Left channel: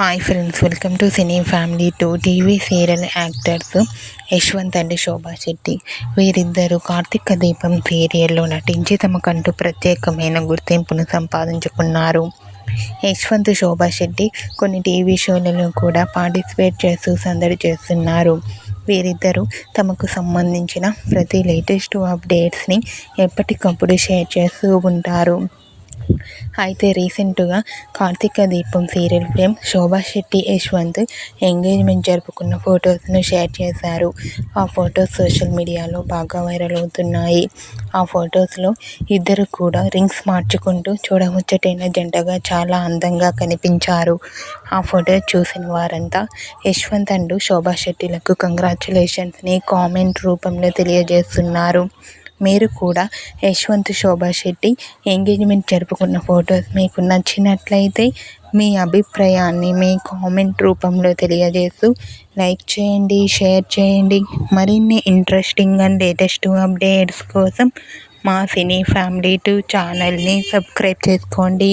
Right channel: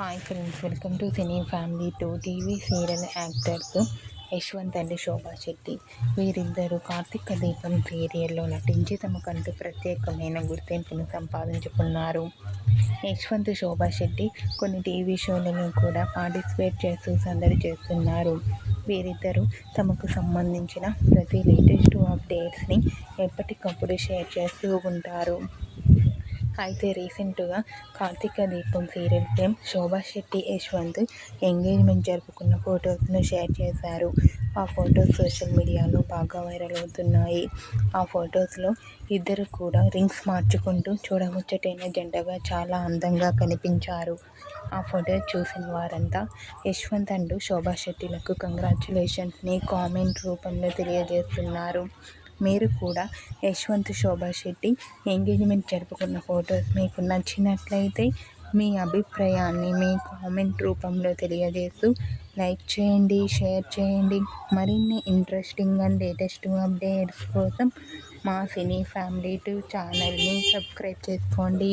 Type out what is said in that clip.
Hi friends, welcome to cine family. TV serial actors Yashwant and Shobha Shetty వీరిద్దరూ కార్తీక దీపం సీరియల్లో నటించి తమకంటూ ప్రత్యేకమైన గుర్తింపును సంపాదించుకున్నారు. యశ్వంత్, శోభా శెట్టి కొన్ని టీవీ షోలలో కూడా పార్టిసిపేట్ చేస్తూ సందడి చేస్తున్నారు. వీరిద్దరూ తమకు సంబంధించిన ప్రతి లేటెస్ట్ అప్డేట్స్ని ఎప్పటికప్పుడు షేర్ చేస్తూ ఉంటారు. అయితే రీసెంట్గా కార్తీక దీపం serial fame Shobha Shetty, Yashwant engagement జరుపుకున్న ఫొటోస్ను షేర్ చేశారు. ఆ ఫొటోస్ సోషల్ మీడియాలో బాగా వైరల్ అవుతున్నాయి. ఆ ఫొటోస్లో ఇద్దరు కూడా రింగ్స్ మార్చుకుంటూ చూడముచ్చటైన జంటగా చాలా అందంగా కనిపించారు. ఆ ఫోటో చూసిన వారంతా యశ్వంత్ అండ్ శోభా శెట్టిలకు కంగ్రాచ్యులేషన్స్ని కామెంట్ రూపంలో తెలియజేస్తున్నారు. మీరు కూడా యశ్వంత్, శోభా శెట్టి ఎంగేజ్మెంట్ జరుపుకున్న ఫొటోస్ మీకు నచ్చినట్లయితే మీ అభిప్రాయాన్ని మీ కామెంట్ రూపంలో తెలియజేస్తూ లైక్ చేయండి, షేర్ చేయండి. మరిన్ని ఇంట్రెస్టింగ్ అండ్ లేటెస్ట్ అప్డేట్స్ కోసం మా సినీ ఫ్యామిలీ 2 ఛానల్ని సబ్స్క్రైబ్ చేసుకోండి.